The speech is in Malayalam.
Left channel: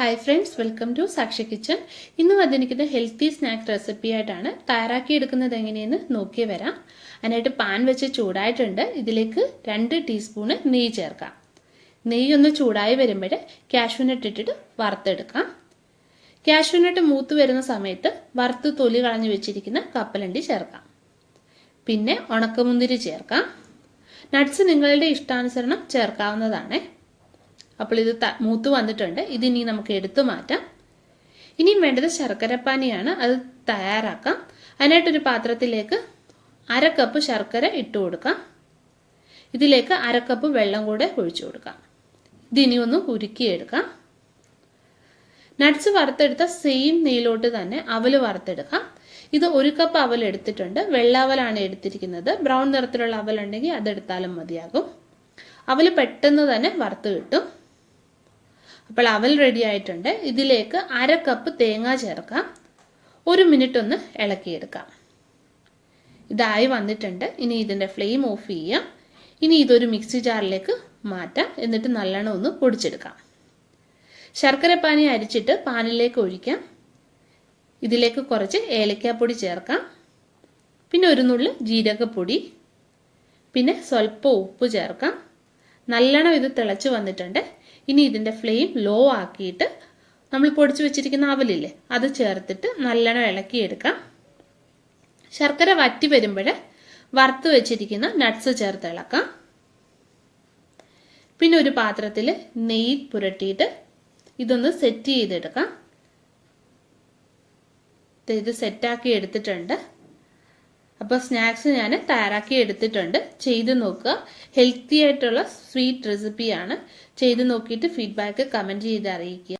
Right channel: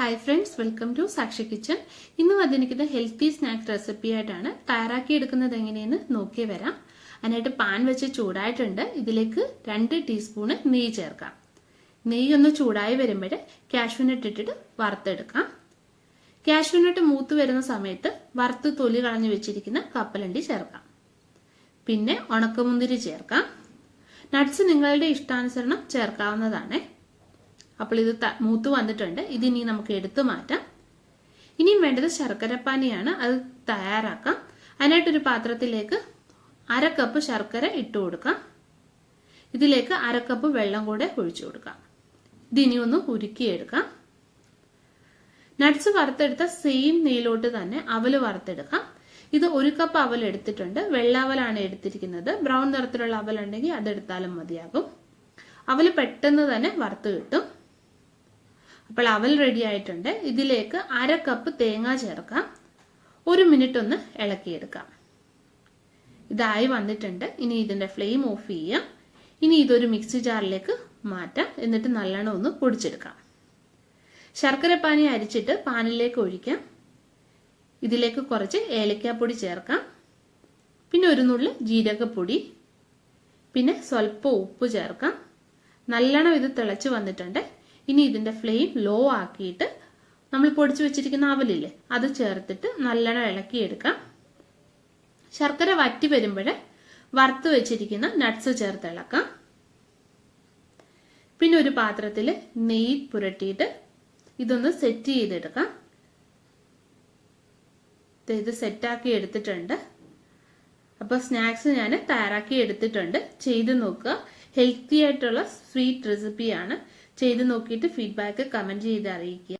ഹായ് ഫ്രണ്ട്സ്, വെൽക്കം ടു സാക്ഷി കിച്ചൺ. ഇന്ന് വന്നിരിക്കുന്ന ഹെൽത്തി സ്നാക്ക് റെസിപ്പി ആയിട്ടാണ്. തയ്യാറാക്കി എടുക്കുന്നത് എങ്ങനെയെന്ന് നോക്കി വരാം. അതിനായിട്ട് പാൻ വെച്ച് ചൂടായിട്ടുണ്ട്. ഇതിലേക്ക് 2 ടീസ്പൂണ് നെയ്യ് ചേർക്കാം. നെയ്യ് ഒന്ന് ചൂടായി വരുമ്പോൾ കാഷ്യൂനട്ട് ഇട്ടിട്ട് വറുത്തെടുക്കാം. കാഷ്യൂനട്ട് മൂത്ത് വരുന്ന സമയത്ത് വറുത്ത് തൊലി കളഞ്ഞു വെച്ചിരിക്കുന്ന കപ്പലണ്ടി ചേർക്കാം. പിന്നെ ഉണക്കമുന്തിരി ചേർക്കാം. നട്ട്സ് നിങ്ങളുടെ ഇഷ്ടാനുസരണം ചേർക്കാവുന്നതാണ്. അപ്പോൾ ഇത് മൂത്ത് വന്നിട്ടുണ്ട്. ഇതിനി നമുക്ക് എടുത്തു മാറ്റാം. ഇനിയും വേണ്ടത് ശർക്കരപ്പാനിയാണ്. അത് തയ്യാറാക്കാം. അതിനായിട്ടൊരു പാത്രത്തിലേക്ക് 1/2 കപ്പ് ശർക്കര ഇട്ട് കൊടുക്കാം. ഇതിലേക്ക് 1/2 കപ്പ് വെള്ളം കൂടെ ഒഴിച്ചു കൊടുക്കാം. ഇതിനി ഒന്ന് ഉരുക്കിയെടുക്കാം. നട്ട്സ് വറുത്തെടുത്ത സെയിം നെയ്യിലോട്ട് തന്നെ അവല് വറുത്തെടുക്കാം. ഇത് 1 കപ്പ് അവൽ എടുത്തിട്ടുണ്ട്. വെള്ളാവലാണ് എടുത്തിരിക്കുന്നത്. ബ്രൗൺ നിറത്തിലുള്ള അവലുണ്ടെങ്കിൽ അതെടുത്താലും മതിയാകും. അവല് പെട്ടെന്ന് തന്നെ വറുത്ത് കിട്ടും. അപ്പോൾ അവൽ റെഡി ആയിട്ടുണ്ട്. ഇതിലേക്ക് 1/2 കപ്പ് തേങ്ങ ചേർക്കാം. 1 മിനിറ്റ് ഒന്ന് ഇളക്കിയെടുക്കാം. ഇതായി വന്നിട്ടുണ്ട്. ഇനി ഇതിന്റെ ഫ്ലെയിം ഓഫ് ചെയ്യാം. ഇനി ഇതൊരു മിക്സി ജാറിലേക്ക് മാറ്റാം. എന്നിട്ട് നല്ലോണം ഒന്ന് പൊടിച്ചെടുക്കാം. ശർക്കരപ്പാനി അരിച്ചിട്ട് പാനിലേക്ക് ഒഴിക്കാം. ഇതിലേക്ക് കുറച്ച് ഏലക്കാപ്പൊടി ചേർക്കാം. പിന്നെ ഒരു നുള്ളു ജീരകപ്പൊടി, പിന്നെ സ്വല്പം ഉപ്പ് ചേർക്കാം. നല്ലോണം ഇത് തിളച്ച് വന്നിട്ടുണ്ട്. ഇനി ഇതിന്റെ ഫ്ലെയിം ലോ ആക്കിയിട്ട് നമ്മൾ പൊടിച്ചു വെച്ചിരിക്കുന്ന അവലില്ലേ അത് ചേർത്തിട്ട് നല്ലോണം ഇളക്കിയെടുക്കാം. ശർക്കര വറ്റി വരുമ്പോൾ വറുത്ത് വെച്ചിരിക്കുന്ന നട്ട്സ് ചേർത്ത് ഇളക്കാം. പിന്നെ ഒരു പാത്രത്തിൽ നെയ്യ് പുരട്ടിയിട്ട് ഇതൊന്ന് സെറ്റ് ചെയ്തെടുക്കാം. ഇത് സെറ്റാക്കി എടുത്തിട്ടുണ്ട്. അപ്പോൾ സ്നാക്സ് ഞാൻ തയ്യാറാക്കി എടുത്തിട്ടുണ്ട്. ചെയ്ത് നോക്കുക. ഹെൽത്തി ആയിട്ടുള്ള സ്വീറ്റ് റെസിപ്പിയാണ്. ചെയ്ത് നോക്കിയിട്ട് ഫീഡ്ബാക്ക് കമൻറ്റ് ചെയ്ത് അറിയിക്കുക.